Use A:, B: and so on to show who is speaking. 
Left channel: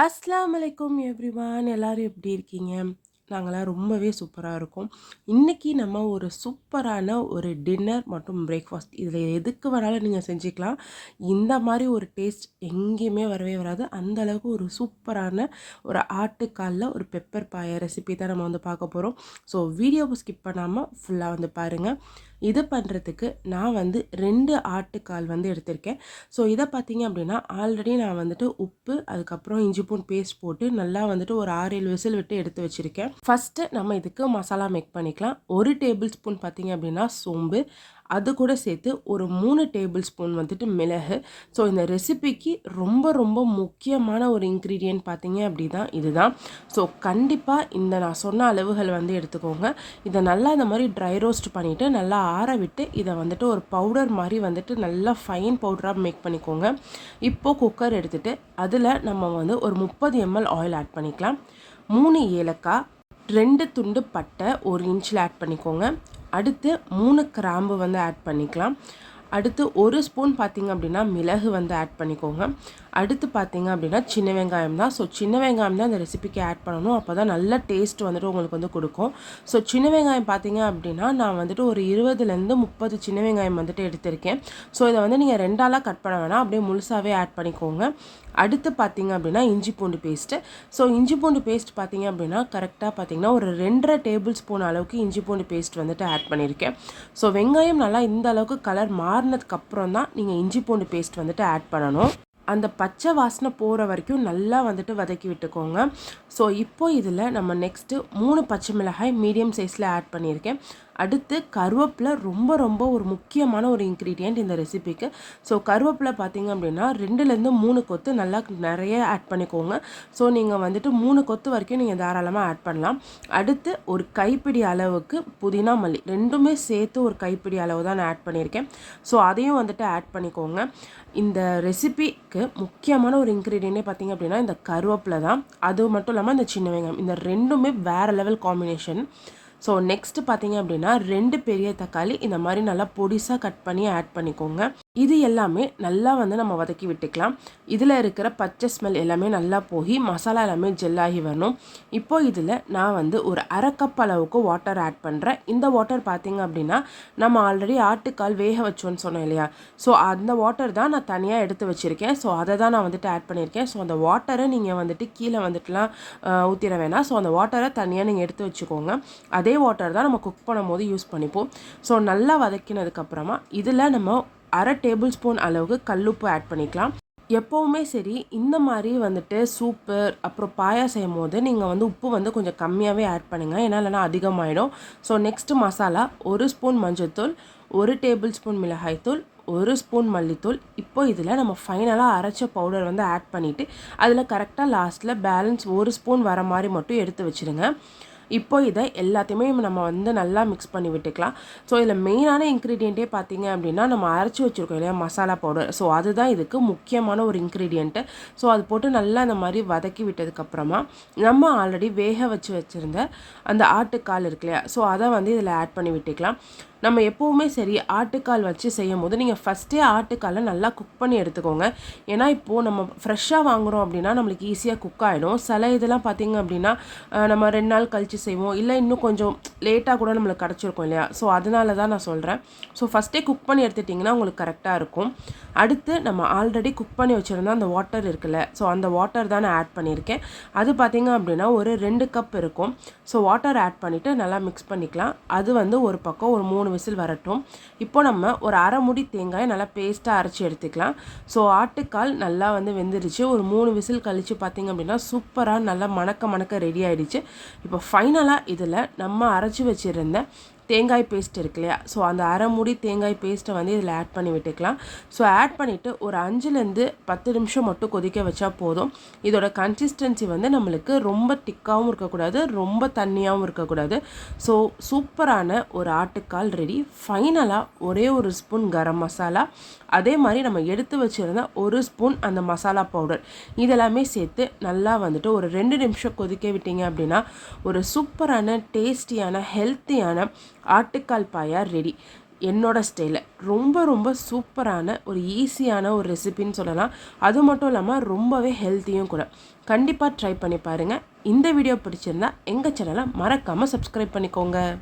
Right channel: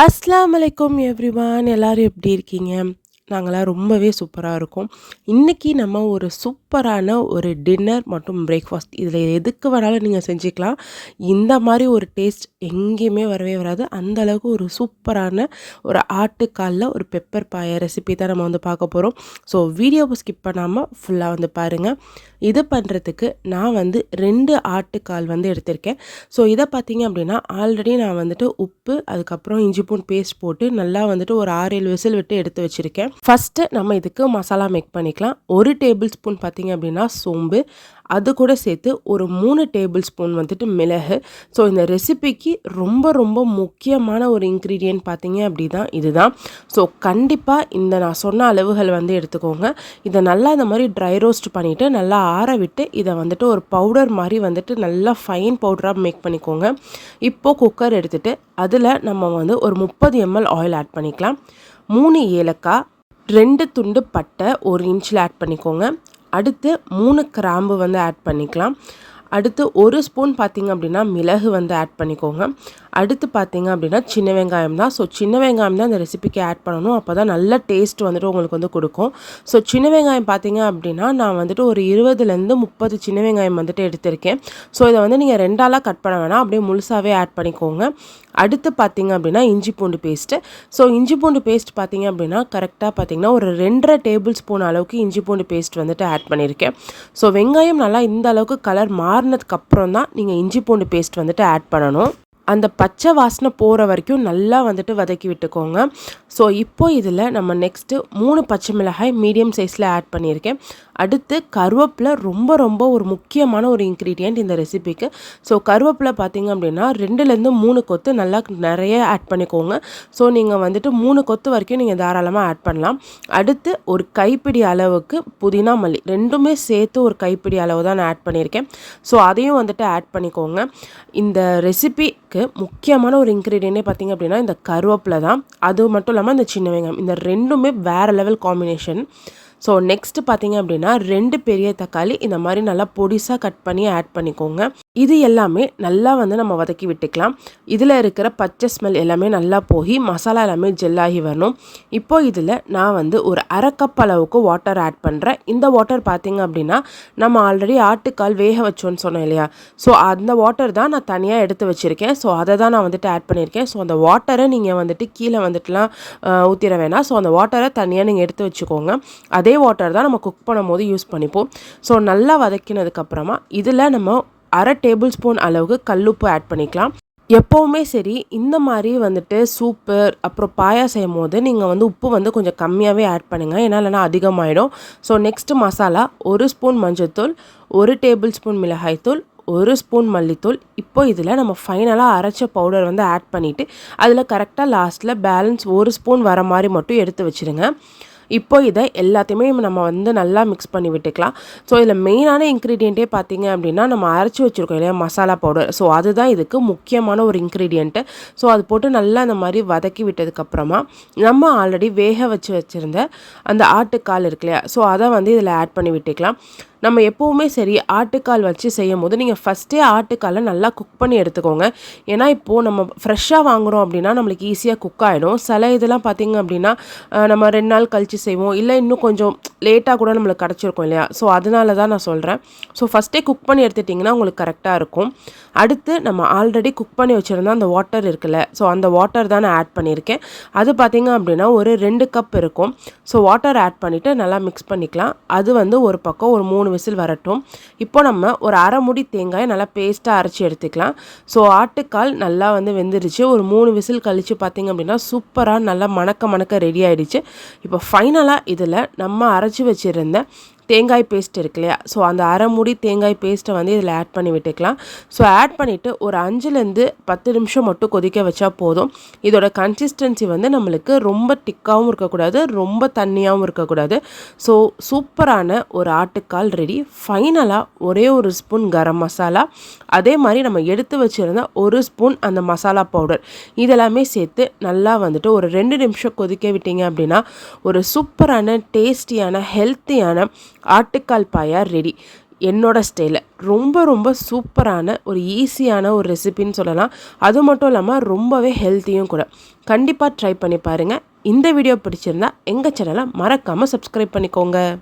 A: அஸ்லாம் வலைக்கும் எவ்ரிவான் எல்லோரும் எப்படி இருக்கீங்க? நாங்களாம் ரொம்பவே சூப்பராக இருக்கோம். இன்றைக்கி நம்ம ஒரு சூப்பரான ஒரு டின்னர் மற்றும் பிரேக்ஃபாஸ்ட் இதில் எதுக்கு வேணாலும் நீங்கள் செஞ்சுக்கலாம். இந்த மாதிரி ஒரு டேஸ்ட் எங்கேயுமே வரவே வராது. அந்த அளவுக்கு ஒரு சூப்பரான ஒரு ஆட்டுக்காலில் ஒரு பெப்பர் பாய ரெசிபி தான் நம்ம வந்து பார்க்க போகிறோம் ஸோ வீடியோவை ஸ்கிப் பண்ணாமல் ஃபுல்லாக வந்து பாருங்கள் இது பண்ணுறதுக்கு நான் வந்து ரெண்டு ஆட்டுக்கால் வந்து எடுத்திருக்கேன். ஸோ இதை பார்த்தீங்க அப்படின்னா ஆல்ரெடி நான் வந்துட்டு உப்பு அதுக்கப்புறம் இஞ்சி பூன் பேஸ்ட் போட்டு நல்லா வந்துட்டு ஒரு ஆறு ஏழு விசில் விட்டு எடுத்து வச்சுருக்கேன். ஃபஸ்ட்டு நம்ம இதுக்கு மசாலா மேக் பண்ணிக்கலாம். ஒரு டேபிள் ஸ்பூன் பார்த்திங்க அப்படின்னா சோம்பு அது கூட சேர்த்து ஒரு மூணு டேபிள் ஸ்பூன் வந்துட்டு மிளகு. ஸோ இந்த ரெசிபிக்கு ரொம்ப ரொம்ப முக்கியமான ஒரு இன்க்ரீடியன்ட் பார்த்தீங்க அப்படிதான் இதுதான். ஸோ கண்டிப்பாக இந்த நான் சொன்ன அளவுகள் வந்து எடுத்துக்கோங்க. இதை நல்லா இந்த மாதிரி ட்ரை ரோஸ்ட் பண்ணிவிட்டு நல்லா ஆற விட்டு இதை வந்துட்டு ஒரு பவுடர் மாதிரி வந்துட்டு நல்லா ஃபைன் பவுடராக மேக் பண்ணிக்கோங்க. இப்போது குக்கர் எடுத்துகிட்டு அதில் நம்ம வந்து ஒரு முப்பது எம்எல் ஆயில் ஆட் பண்ணிக்கலாம். மூணு ஏலக்காய் ரெண்டு துண்டு பட்டை ஒரு இன்ச்சில் ஆட் பண்ணிக்கோங்க. அடுத்து மூணு கிராம்பு வந்து ஆட் பண்ணிக்கலாம். அடுத்து ஒரு ஸ்பூன் பார்த்திங்க அப்படின்னா மிளகு வந்து ஆட் பண்ணிக்கோங்க. அடுத்து பார்த்திங்க அப்படின்னா சின்ன வெங்காயம் தான். ஸோ சின்ன வெங்காயம் தான் இந்த ரெசிபிக்கு ஆட் பண்ணணும். அப்போ தான் நல்ல டேஸ்ட் வந்துட்டு உங்களுக்கு வந்து கொடுக்கும். ஸோ சின்ன வெங்காயம் பார்த்திங்க அப்படின்னா நான் வந்துட்டு ஒரு இருபதுலேருந்து முப்பது சின்ன வெங்காயம் வந்துட்டு எடுத்திருக்கேன். ஸோ இதை வந்து நீங்கள் ரெண்டாலாக கட் பண்ண வேணாம். அப்படியே முழுசாகவே ஆட் பண்ணிக்கோங்க. அடுத்து பார்த்திங்க அப்படின்னா இஞ்சி பூண்டு பேஸ்ட்டு ஸோ இஞ்சி பூண்டு பேஸ்ட் பார்த்திங்க அப்படின்னா கரெக்டாக பார்த்திங்கன்னா ஒரு ரெண்டரை டேபிள் ஸ்பூன் அளவுக்கு இஞ்சி பூண்டு பேஸ்ட் வந்துட்டு ஆட் பண்ணியிருக்கேன் ஸோ வெங்காயம் நல்லா இந்த அளவுக்கு கலர் மாறினதுக்கப்புறம் தான் நீங்கள் இஞ்சி பூண்டு பேஸ்ட் வந்துட்டு ஆட் பண்ணணும். அந்த பச்சை வாசனை போகிற வரைக்கும் நல்லா வந்துட்டு வதக்கி விட்டுக்கோங்க. ஸோ இப்போ இதில் நம்ம நெக்ஸ்ட்டு மூணு பச்சை மிளகாய் மீடியம் சைஸில் ஆட் பண்ணியிருக்கேன். அடுத்து கருவேப்பிலை ரொம்ப ரொம்ப ஒரு முக்கியமான ஒரு இன்க்ரீடியண்ட் இந்த ரெசிபிக்கு ஸோ கருவேப்பிலை பார்த்திங்க அப்படின்னா ரெண்டுலேருந்து மூணு கொத்து நல்லா நிறைய ஆட் பண்ணிக்கோங்க. ஸோ நீங்கள் வந்துட்டு மூணு கொத்து வரைக்கும் நீங்கள் தாராளமாக ஆட் பண்ணலாம். அடுத்து ஒரு கைப்பிடி அளவுக்கு புதினா மல்லி. ரெண்டுமே சேர்த்து ஒரு கைப்பிடி அளவு தான் நான் ஆட் பண்ணியிருக்கேன். ஸோ அதையும் வந்துட்டு ஆட் பண்ணிக்கோங்க. இந்த ரெசிபிக்கு முக்கியமான ஒரு இன்க்ரீடியண்டே பார்த்திங்க அப்படின்னா இந்த கருவேப்பிலை தான். அது மட்டும் இல்லாமல் இந்த சின்ன வெங்காயம். இந்த ரெண்டுமே வேறு லெவல் காம்பினேஷன் ஸோ நெக்ஸ்ட்டு பார்த்தீங்க அப்படின்னா ரெண்டு பெரிய தக்காளி இந்த மாதிரி நல்லா பொடிசாக கட் பண்ணி ஆட் பண்ணிக்கோங்க. இது எல்லாமே நல்லா வந்து நம்ம வதக்கி விட்டுக்கலாம். இதில் இருக்கிற பச்சை ஸ்மெல் எல்லாமே நல்லா போய் மசாலா எல்லாமே ஜெல்லாகி வரணும். இப்போது இதில் நான் வந்து ஒரு அரை கப் அளவுக்கு வாட்டர் ஆட் பண்ணுறேன் இந்த வாட்டர் பார்த்திங்க அப்படின்னா நம்ம ஆல்ரெடி ஆட்டுக்கால் வேக வச்சோன்னு சொன்னோம் இல்லையா? ஸோ அந்த வாட்டர் தான் நான் தனியாக எடுத்து வச்சுருக்கேன். ஸோ அதை தான் நான் வந்துட்டு ஆட் பண்ணியிருக்கேன். ஸோ அந்த வாட்டரை நீங்கள் வந்துட்டு கீழே வந்துட்டுலாம் ஊற்றிட வேணாம். ஸோ அந்த வாட்டரை தனியாக நீங்கள் எடுத்து வச்சுக்கோங்க. அதே வாட்டர் தான் நம்ம குக் பண்ணும்போது யூஸ் பண்ணிப்போம். ஸோ நல்லா வதக்கினதுக்கப்புறமா இதில் நம்ம அரை டேபிள் ஸ்பூன் அளவுக்கு கல்லுப்பு ஆட் பண்ணிக்கலாம். எப்போவுமே சரி இந்த மாதிரி வந்துட்டு சூப்பு அப்புறம் பாயா செய்யும் போது நீங்கள் வந்து உப்பு வந்து கொஞ்சம் கம்மியாகவே ஆட் பண்ணுங்கள் ஏன்னா இல்லைனா அதிகமாகிடும் ஸோ நெக்ஸ்ட்டு மசாலா ஒரு ஸ்பூன் மஞ்சள்தூள் ஒரு டேபிள் ஸ்பூன் மிளகாய்த்தூள் ஒரு ஸ்பூன் மல்லித்தூள். இப்போ இதில் நம்ம ஃபைனலாக அரைச்ச பவுடர் வந்து ஆட் பண்ணிவிட்டு அதில் கரெக்டாக லாஸ்ட்டில் பேலன்ஸ் ஒரு ஸ்பூன் வர மாதிரி மட்டும் எடுத்து வச்சுருங்க. இப்போ இதை எல்லாத்தையுமே நம்ம வந்து நல்லா மிக்ஸ் பண்ணி விட்டுக்கலாம். ஸோ இதில் மெயினான இன்க்ரீடியண்ட்டே பார்த்தீங்க அப்படின்னா நம்ம அரைச்சி வச்சுருக்கோம் இல்லையா மசாலா பவுடர் ஸோ அதுதான் இதுக்கு முக்கியமான ஒரு இன்க்ரீடியண்ட்டு ஸோ அது போட்டு நல்லா இந்த மாதிரி வதக்கி விட்டதுக்கப்புறமா நம்ம ஆல்ரெடி வேக வச்சு வச்சுருந்த அந்த ஆட்டுக்கால் இருக்கு இல்லையா ஸோ அதை வந்து இதில் ஆட் பண்ணி விட்டுக்கலாம். நம்ம எப்போவுமே சரி ஆட்டுக்கால் வச்சு செய்யும் போது நீங்கள் ஃபஸ்ட்டே ஆட்டுக்காலை நல்லா குக் பண்ணி எடுத்துக்கோங்க. ஏன்னா இப்போது நம்ம ஃப்ரெஷ்ஷாக வாங்குகிறோம் அப்படின்னா நம்மளுக்கு ஈஸியாக குக் ஆகிடும் சில இதெல்லாம் பார்த்திங்க அப்படின்னா நம்ம ரெண்டு நாள் கழித்து செய்வோம். இல்லை இன்னும் கொஞ்சம் லேட்டாக கூட நம்மளுக்கு கிடச்சிருக்கும் இல்லையா? ஸோ அதனால தான் நான் சொல்கிறேன் ஸோ ஃபஸ்ட்டே குக் பண்ணி எடுத்துட்டிங்கன்னா உங்களுக்கு கரெக்டாக இருக்கும். அடுத்து நம்ம ஆல்ரெடி குக் பண்ணி வச்சுருந்தா அந்த வாட்டர் இருக்குல்ல ஸோ அந்த வாட்டர் தான் நான் ஆட் பண்ணியிருக்கேன். அது பார்த்திங்க அப்படின்னா ஒரு ரெண்டு கப் இருக்கும். ஸோ வாட்டர் ஆட் பண்ணிவிட்டு நல்லா மிக்ஸ் பண்ணிக்கலாம். அது வந்து ஒரு பக்கம் ஒரு மூணு விசில் வரட்டும். இப்போ நம்ம ஒரு அரை முடி தேங்காயை நல்லா பேஸ்ட்டாக அரைச்சி எடுத்துக்கலாம். ஸோ ஆட்டுக்கால் நல்லா வந்து வெந்துருச்சு. ஒரு மூணு விசில் கழித்து பார்த்திங்க அப்படின்னா சூப்பராக நல்லா மணக்க மணக்க ரெடி ஆகிடுச்சு இப்போ ஃபைனலாக இதில் நம்ம அரைச்சி வச்சுருந்த தேங்காய் பேஸ்ட் இருக்கு இல்லையா? ஸோ அந்த அரை மூடி தேங்காய் பேஸ்ட்டை வந்து இதில் ஆட் பண்ணி விட்டுக்கலாம். ஸோ ஆட் பண்ணிவிட்டு ஒரு அஞ்சுலேருந்து பத்து நிமிஷம் மட்டும் கொதிக்க வச்சா போதும். இதோட கன்சிஸ்டன்சி வந்து நம்மளுக்கு ரொம்ப திக்காகவும் இருக்கக்கூடாது ரொம்ப தண்ணியாகவும் இருக்கக்கூடாது. ஸோ சூப்பரான ஒரு ஆட்டுக்கால் ரெடி ஃபைனலாக ஒரே ஒரு ஸ்பூன் கரம் மசாலா. அதே மாதிரி நம்ம எடுத்து வச்சுருந்த ஒரு ஸ்பூன் அந்த மசாலா பவுடர் இதெல்லாமே சேர்த்து நல்லா வந்துட்டு ஒரு ரெண்டு நிமிஷம் கொதிக்க விட்டீங்க அப்படின்னா ஒரு சூப்பரான டேஸ்டியான ஹெல்த்தியான ஆட்டுக்கால் பாயா ரெடி என்னோட ஸ்டைலில் ரொம்ப ரொம்ப சூப்பரான ஒரு ஈஸியான ஒரு ரெசிபின்னு சொல்லலாம். அது மட்டும் இல்லாமல் ரொம்பவே ஹெல்த்தியும் கூட. கண்டிப்பாக ட்ரை பண்ணி பாருங்கள் இந்த வீடியோ பிடிச்சிருந்தா எங்கள் சேனலை மறக்காமல் சப்ஸ்கிரைப் பண்ணிக்கோங்க.